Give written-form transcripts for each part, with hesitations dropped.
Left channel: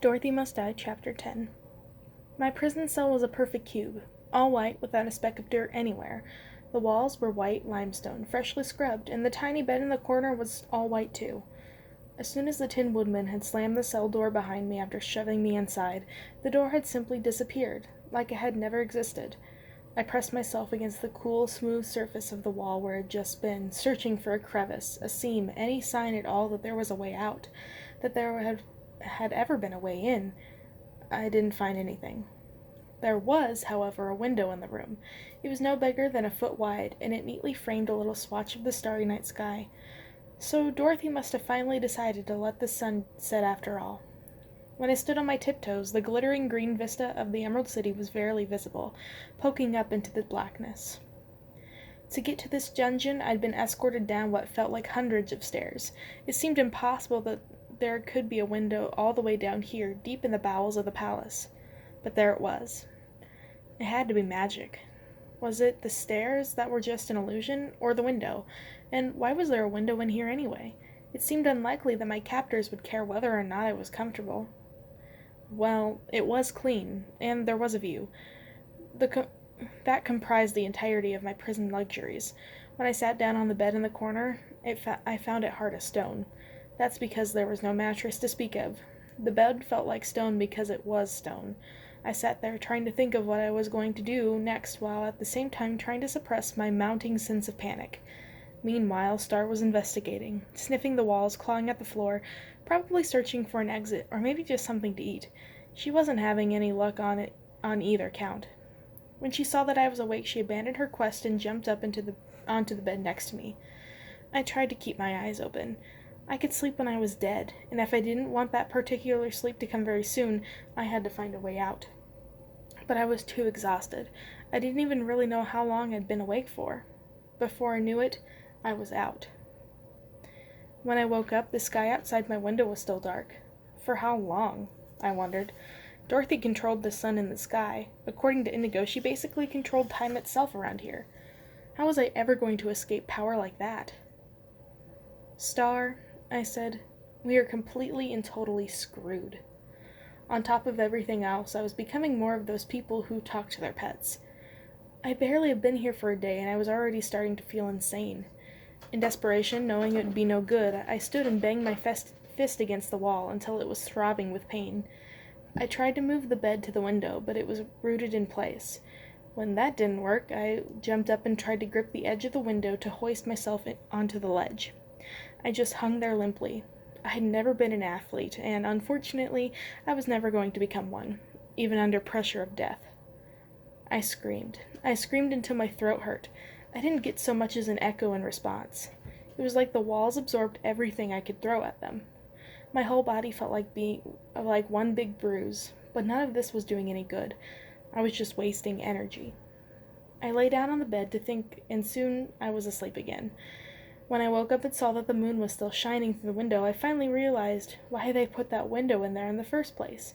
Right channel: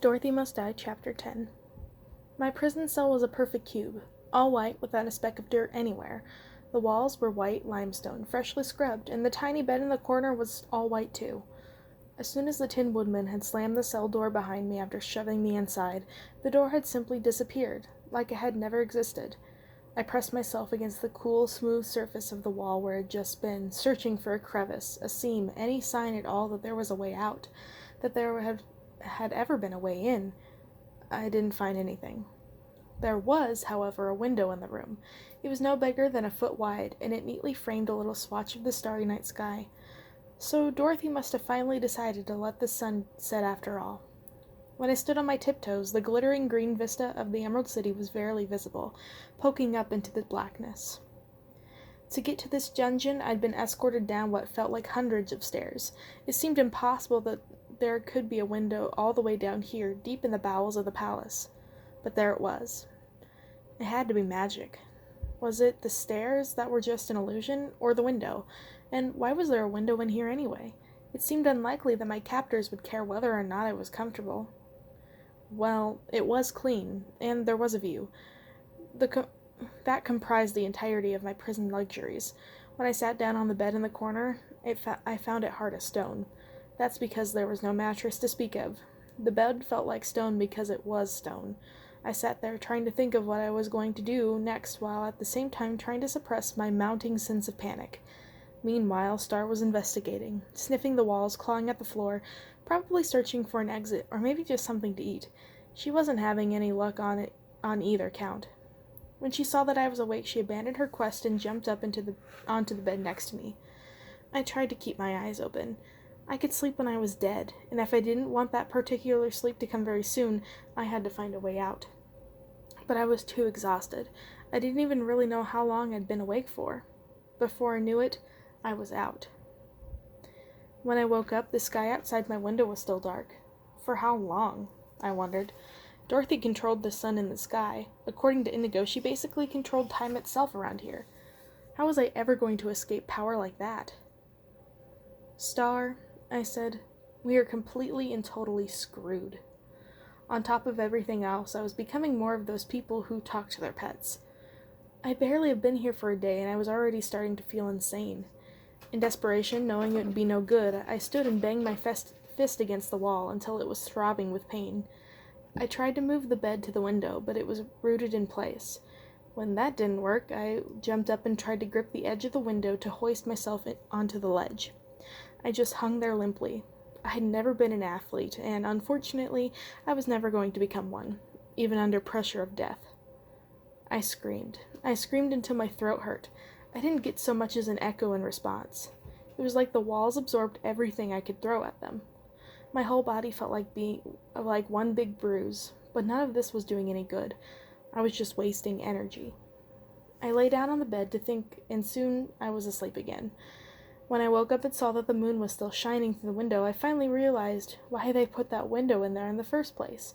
Dorothy Must Die, Chapter 10. My prison cell was a perfect cube, all white without a speck of dirt anywhere. The walls were white limestone, freshly scrubbed, and the tiny bed in the corner was all white too. As soon as the Tin Woodman had slammed the cell door behind me after shoving me inside, the door had simply disappeared, like it had never existed. I pressed myself against the cool, smooth surface of the wall where it had just been, searching for a crevice, a seam, any sign at all that there was a way out, that there had ever been a way in. I didn't find anything. There was, however, a window in the room. It was no bigger than a foot wide, and it neatly framed a little swatch of the starry night sky. So Dorothy must have finally decided to let the sun set after all. When I stood on my tiptoes, the glittering green vista of the Emerald City was barely visible, poking up into the blackness. To get to this dungeon, I'd been escorted down what felt like hundreds of stairs. It seemed impossible that there could be a window all the way down here, deep in the bowels of the palace. But there it was. It had to be magic. Was it the stairs that were just an illusion, or the window? And why was there a window in here anyway? It seemed unlikely that my captors would care whether or not I was comfortable. Well, it was clean, and there was a view. That comprised the entirety of my prison luxuries. When I sat down on the bed in the corner, I found it hard as stone. That's because there was no mattress to speak of. The bed felt like stone because it was stone. I sat there trying to think of what I was going to do next while at the same time trying to suppress my mounting sense of panic. Meanwhile, Star was investigating, sniffing the walls, clawing at the floor, probably searching for an exit or maybe just something to eat. She wasn't having any luck on either count. When she saw that I was awake, she abandoned her quest and jumped up onto the bed next to me. I tried to keep my eyes open. I could sleep when I was dead, and if I didn't want that particular sleep to come very soon, I had to find a way out. But I was too exhausted. I didn't even really know how long I'd been awake for. Before I knew it, I was out. When I woke up, the sky outside my window was still dark. For how long? I wondered. Dorothy controlled the sun in the sky. According to Indigo, she basically controlled time itself around here. How was I ever going to escape power like that? Star, I said, we are completely and totally screwed. On top of everything else, I was becoming more of those people who talk to their pets. I barely had been here for a day, and I was already starting to feel insane. In desperation, knowing it would be no good, I stood and banged my fist against the wall until it was throbbing with pain. I tried to move the bed to the window, but it was rooted in place. When that didn't work, I jumped up and tried to grip the edge of the window to hoist myself onto the ledge. I just hung there limply. I had never been an athlete, and unfortunately, I was never going to become one, even under pressure of death. I screamed. I screamed until my throat hurt. I didn't get so much as an echo in response. It was like the walls absorbed everything I could throw at them. My whole body felt like one big bruise, but none of this was doing any good. I was just wasting energy. I lay down on the bed to think, and soon I was asleep again. When I woke up and saw that the moon was still shining through the window, I finally realized why they put that window in there in the first place.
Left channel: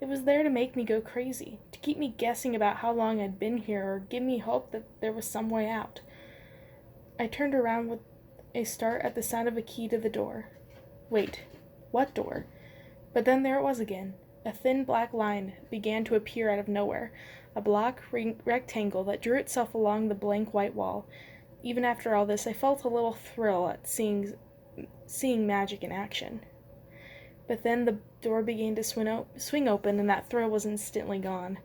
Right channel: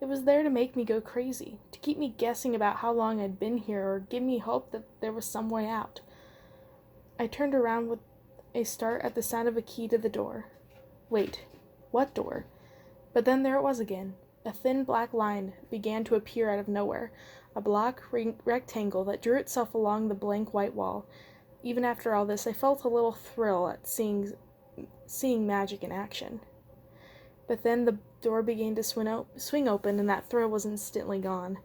It was there to make me go crazy, to keep me guessing about how long I'd been here or give me hope that there was some way out. I turned around with a start at the sound of a key to the door. Wait, what door? But then there it was again. A thin black line began to appear out of nowhere, a block rectangle that drew itself along the blank white wall. Even after all this, I felt a little thrill at seeing magic in action. But then the door began to swing open, and that thrill was instantly gone.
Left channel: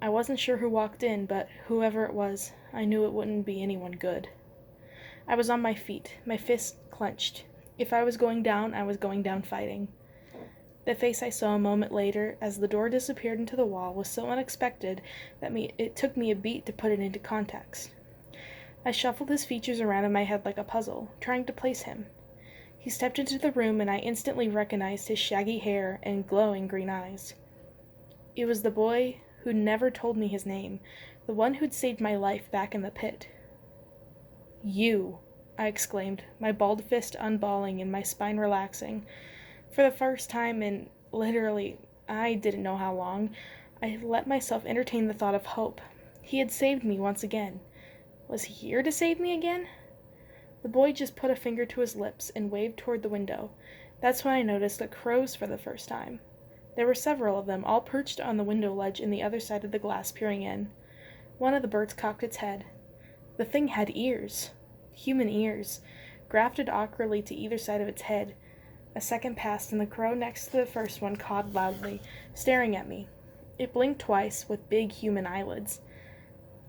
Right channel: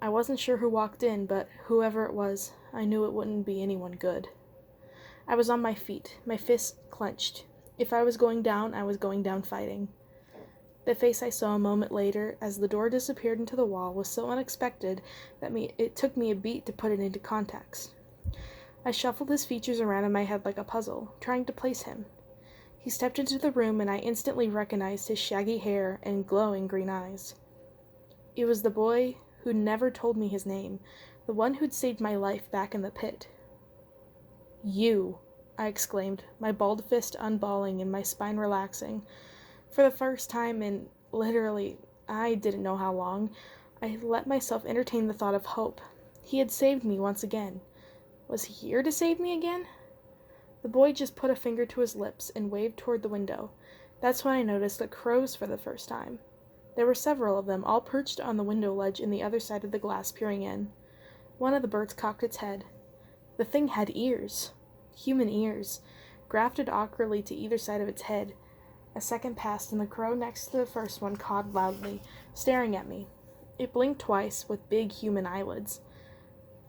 I wasn't sure who walked in, but whoever it was, I knew it wouldn't be anyone good. I was on my feet, my fists clenched. If I was going down, I was going down fighting. The face I saw a moment later, as the door disappeared into the wall, was so unexpected that it took me a beat to put it into context. I shuffled his features around in my head like a puzzle, trying to place him. He stepped into the room, and I instantly recognized his shaggy hair and glowing green eyes. It was the boy who'd never told me his name, the one who'd saved my life back in the pit. "You!" I exclaimed, my balled fist unballing and my spine relaxing. For the first time in, literally, I didn't know how long, I let myself entertain the thought of hope. He had saved me once again. Was he here to save me again? The boy just put a finger to his lips and waved toward the window. That's when I noticed the crows for the first time. There were several of them, all perched on the window ledge in the other side of the glass, peering in. One of the birds cocked its head. The thing had ears. Human ears, grafted awkwardly to either side of its head. A second passed, and the crow next to the first one cawed loudly, staring at me. It blinked twice, with big human eyelids.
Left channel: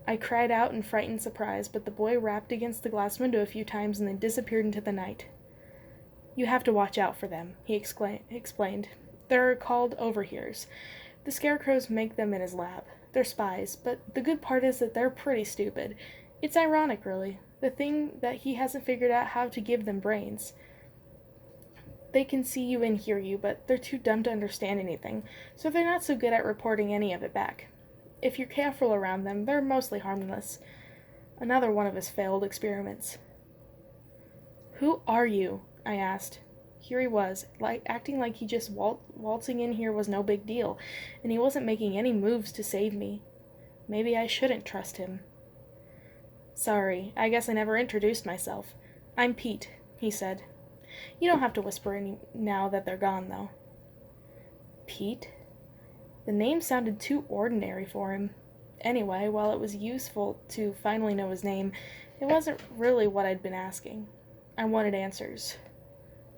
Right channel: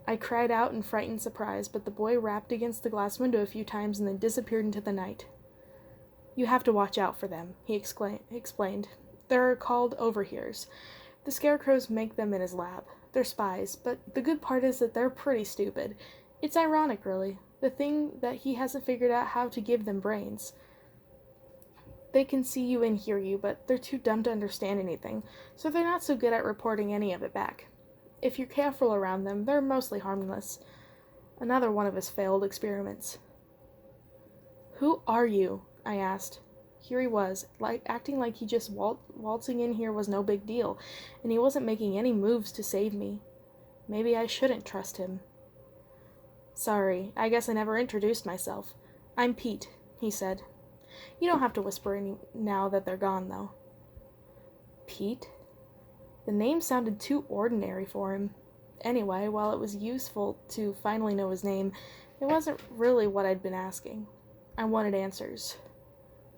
I cried out in frightened surprise, but the boy rapped against the glass window a few times and then disappeared into the night. "You have to watch out for them," he explained. "They're called overhears. The scarecrows make them in his lab. They're spies, but the good part is that they're pretty stupid. It's ironic, really. The thing that he hasn't figured out how to give them brains. They can see you and hear you, but they're too dumb to understand anything, so they're not so good at reporting any of it back. If you're careful around them, they're mostly harmless." Another one of his failed experiments. "Who are you?" I asked. Here he was, acting like he just waltzing in here was no big deal, and he wasn't making any moves to save me. Maybe I shouldn't trust him. "Sorry, I guess I never introduced myself. I'm Pete," he said. "You don't have to whisper any now that they're gone, though." Pete? The name sounded too ordinary for him. Anyway, while it was useful to finally know his name, it wasn't really what I'd been asking. I wanted answers.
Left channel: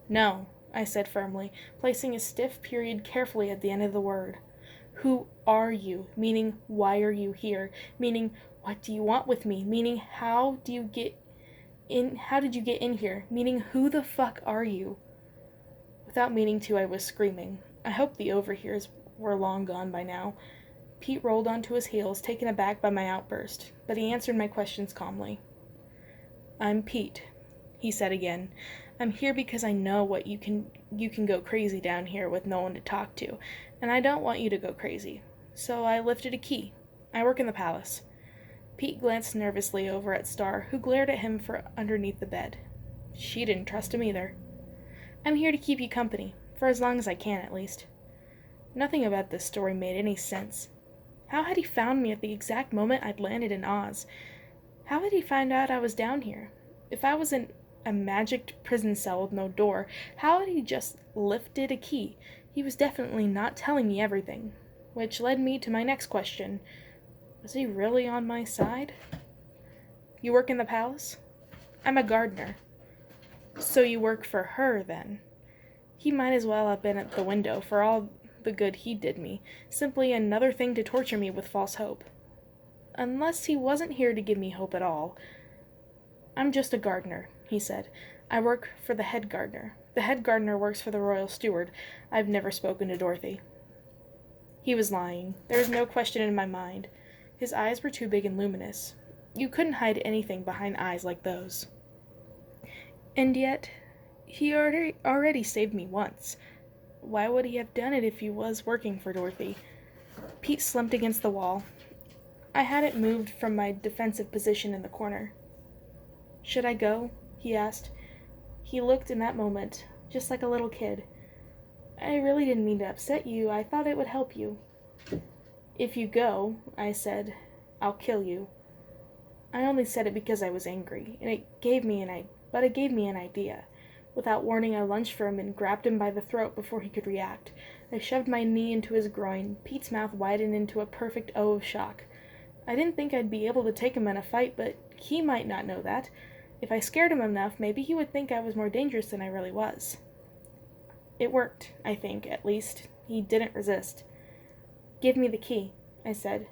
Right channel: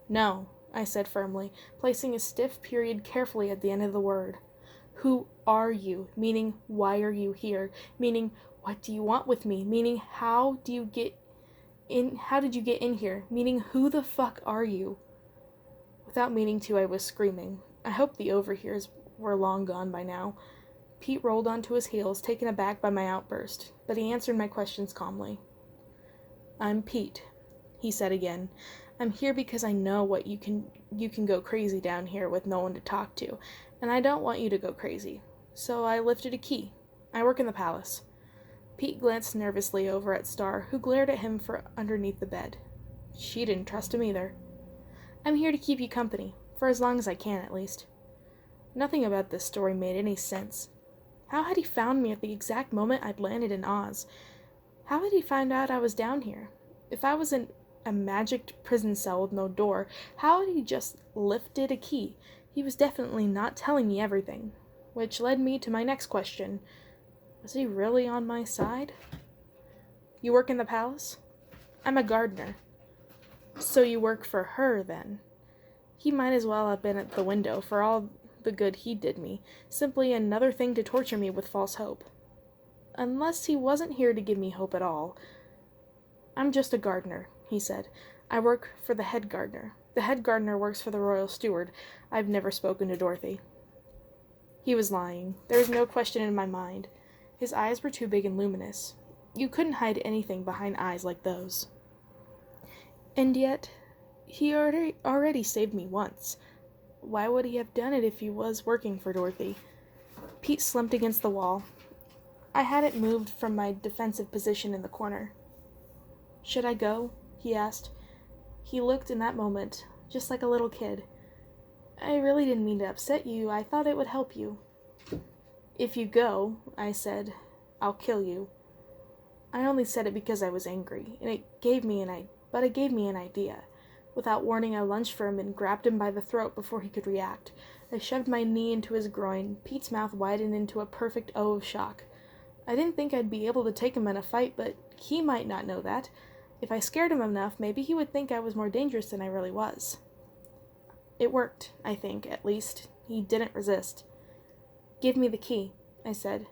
"No," I said firmly, placing a stiff period carefully at the end of the word. "Who are you?" Meaning, why are you here? Meaning, what do you want with me? Meaning, how did you get in here? Meaning, who the fuck are you? Without meaning to, I was screaming. I hoped the overhears were long gone by now. Pete rolled onto his heels, taken aback by my outburst, but he answered my questions calmly. "I'm Pete," he said again. "I'm here because I know what you can go crazy down here with no one to talk to, and I don't want you to go crazy. So I lifted a key. I work in the palace." Pete glanced nervously over at Star, who glared at him from underneath the bed. She didn't trust him either. "I'm here to keep you company, for as long as I can, at least." Nothing about this story made any sense. How had he found me at the exact moment I'd landed in Oz? How had he found out I was down here? If I was in a magic prison cell with no door, how had he just lifted a key? He was definitely not telling me everything. Which led me to my next question. Was he really on my side? "You work in the palace?" "I'm a gardener." "So you work for her, then?" He might as well have been at the window, for all the good he did me. Simply another thing to torture me with false hope. Unless he wasn't here to give me hope at all. "I'm just a gardener," he said. "I work for the head gardener. The head gardener works for the royal steward. I've never spoken to Dorothy." He was lying. There was no question in my mind. His eyes were too big and luminous. You couldn't hide anything behind eyes like those. And yet, he already saved me once. Why would he have done it if he was working for Dorothy? Pete slumped against the wall. I hadn't moved from my defensive position in the corner. "Should I go?" he asked. He looked in that moment just like a little kid. "I really didn't mean to upset you. I thought it would help you." "If you go," I said, "I'll kill you." I only said it because I was angry, and it gave me an idea. Without warning, I lunged for him and grabbed him by the throat before he could react. I shoved my knee into his groin. Pete's mouth widened into a perfect O of shock. I didn't think I'd be able to take him in a fight, but he might not know that. If I scared him enough, maybe he would think I was more dangerous than I really was. It worked, I think, at least. He didn't resist. "Give me the key," I said.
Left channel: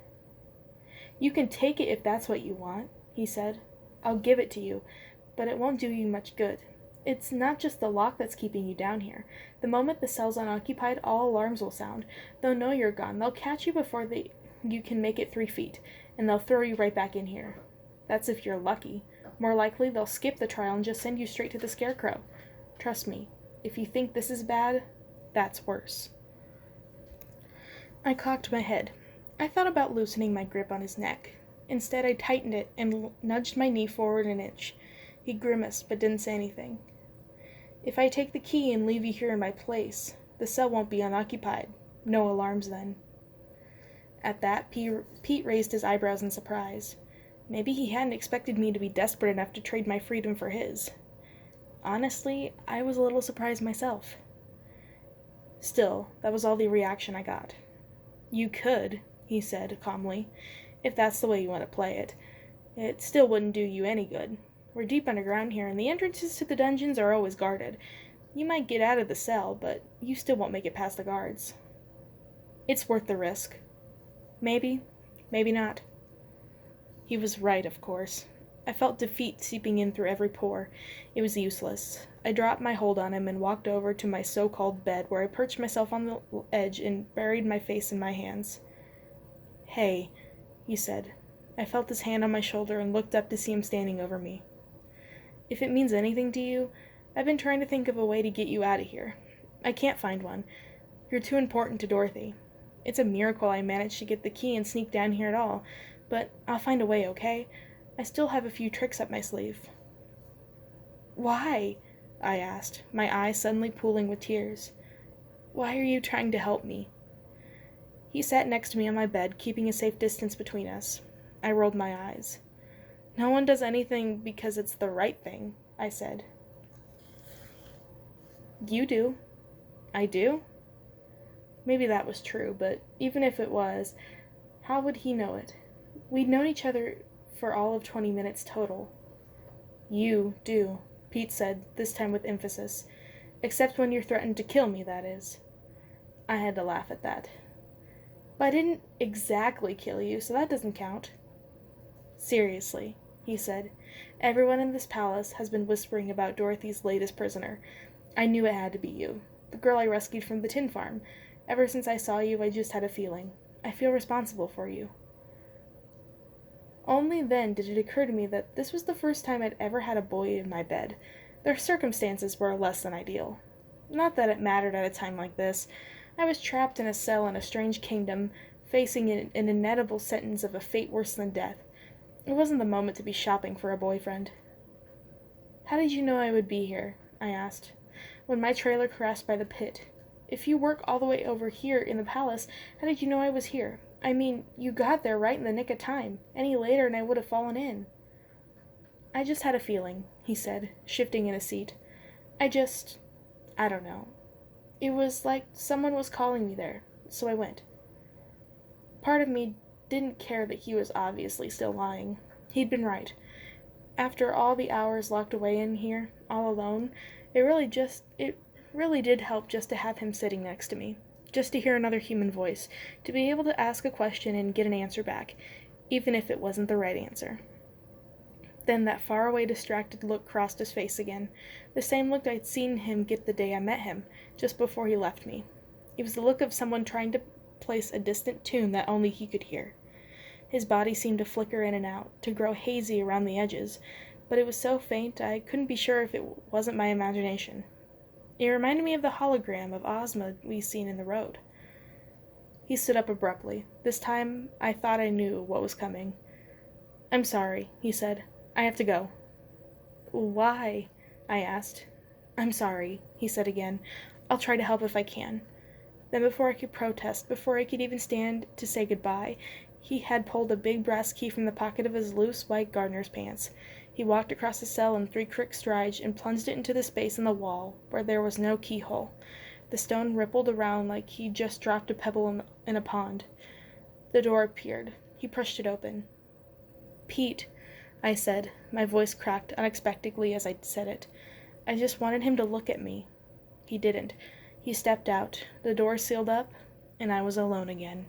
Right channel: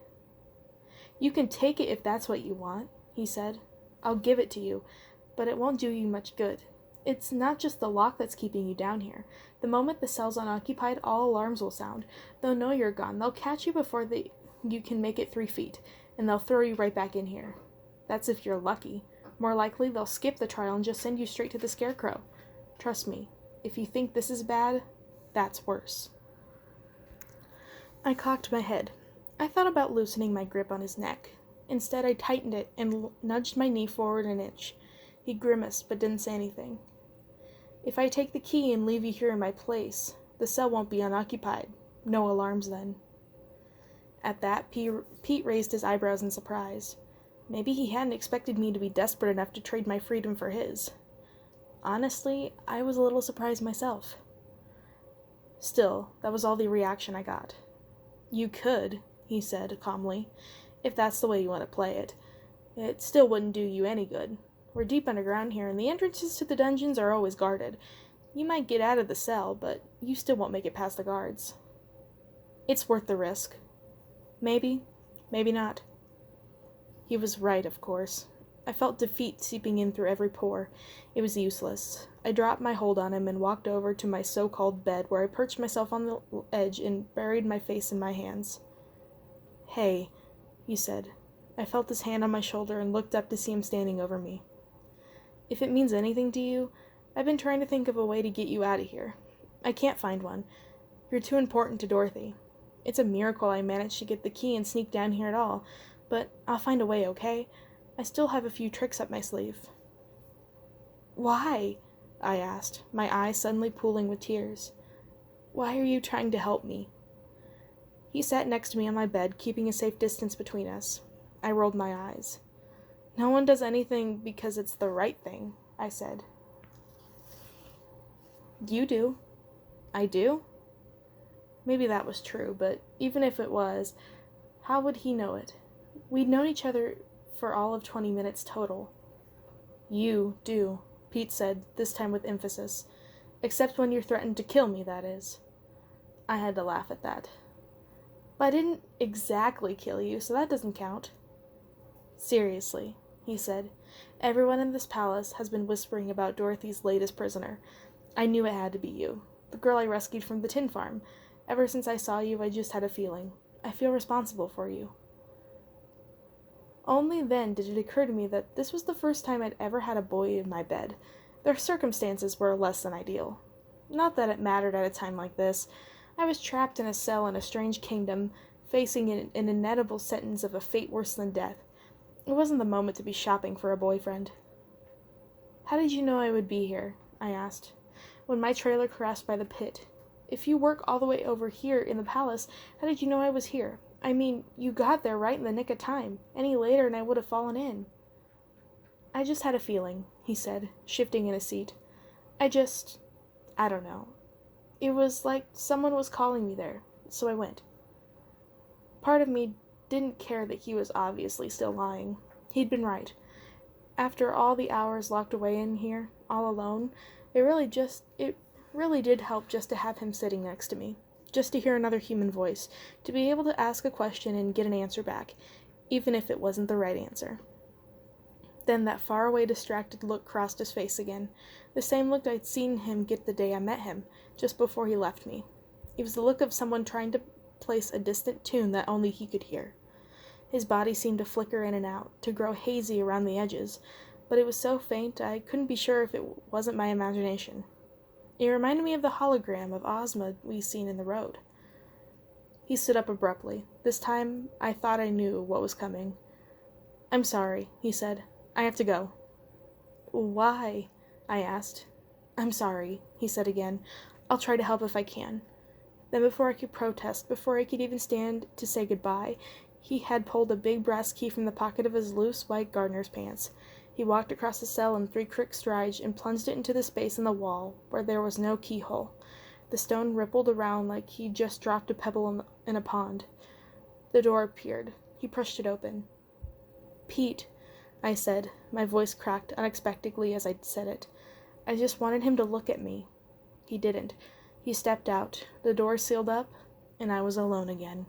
"You can take it if that's what you want," he said. "I'll give it to you, but it won't do you much good. It's not just the lock that's keeping you down here. The moment the cell's unoccupied, all alarms will sound. They'll know you're gone. They'll catch you before you can make it 3 feet, and they'll throw you right back in here. That's if you're lucky. More likely, they'll skip the trial and just send you straight to the Scarecrow. Trust me, if you think this is bad, that's worse." I cocked my head. I thought about loosening my grip on his neck. Instead, I tightened it and nudged my knee forward an inch. He grimaced, but didn't say anything. "If I take the key and leave you here in my place, the cell won't be unoccupied. No alarms then." At that, Pete raised his eyebrows in surprise. Maybe he hadn't expected me to be desperate enough to trade my freedom for his. Honestly, I was a little surprised myself. Still, that was all the reaction I got. You could, he said calmly, if that's the way you want to play it. It still wouldn't do you any good. We're deep underground here, and the entrances to the dungeons are always guarded. You might get out of the cell, but you still won't make it past the guards. It's worth the risk. Maybe, maybe not. He was right, of course. I felt defeat seeping in through every pore. It was useless. I dropped my hold on him and walked over to my so-called bed, where I perched myself on the edge and buried my face in my hands. Hey, he said. I felt his hand on my shoulder and looked up to see him standing over me. If it means anything to you, I've been trying to think of a way to get you out of here. I can't find one. You're too important to Dorothy. It's a miracle I managed to get the key and sneak down here at all, but I'll find a way, okay? I still have a few tricks up my sleeve. Why? I asked, my eyes suddenly pooling with tears. Why are you trying to help me? He sat next to me on my bed, keeping a safe distance between us. I rolled my eyes. No one does anything because it's the right thing, I said. You do. I do? Maybe that was true, but even if it was, how would he know it? We'd known each other for all of 20 minutes total. You do, Pete said, this time with emphasis. Except when you're threatened to kill me, that is. I had to laugh at that. But I didn't exactly kill you, so that doesn't count. Seriously, he said, everyone in this palace has been whispering about Dorothy's latest prisoner. I knew it had to be you, the girl I rescued from the tin farm. Ever since I saw you, I just had a feeling. I feel responsible for you. Only then did it occur to me that this was the first time I'd ever had a boy in my bed. Their circumstances were less than ideal. Not that it mattered at a time like this. I was trapped in a cell in a strange kingdom, facing an inevitable sentence of a fate worse than death. It wasn't the moment to be shopping for a boyfriend. How did you know I would be here? I asked. When my trailer crashed by the pit. If you work all the way over here in the palace, how did you know I was here? I mean, you got there right in the nick of time. Any later and I would have fallen in. I just had a feeling, he said, shifting in his seat. I don't know. It was like someone was calling me there, so I went. Part of me didn't care that he was obviously still lying. He'd been right. After all the hours locked away in here, all alone, it really did help just to have him sitting next to me, just to hear another human voice, to be able to ask a question and get an answer back, even if it wasn't the right answer. Then that faraway distracted look crossed his face again, the same look I'd seen him get the day I met him, just before he left me. It was the look of someone trying to place a distant tune that only he could hear. His body seemed to flicker in and out, to grow hazy around the edges, but it was so faint I couldn't be sure if it wasn't my imagination. It reminded me of the hologram of Ozma we seen in the road. He stood up abruptly. This time I thought I knew what was coming. I'm sorry, he said. I have to go. Why? I asked. I'm sorry, he said again. I'll try to help if I can. Then before I could protest, before I could even stand to say goodbye, he had pulled a big brass key from the pocket of his loose white gardener's pants. He walked across the cell in 3 quick strides and plunged it into the space in the wall where there was no keyhole. The stone rippled around like he'd just dropped a pebble in a pond. The door appeared. He pushed it open. Pete, I said. My voice cracked unexpectedly as I said it. I just wanted him to look at me. He didn't. He stepped out. The door sealed up, and I was alone again.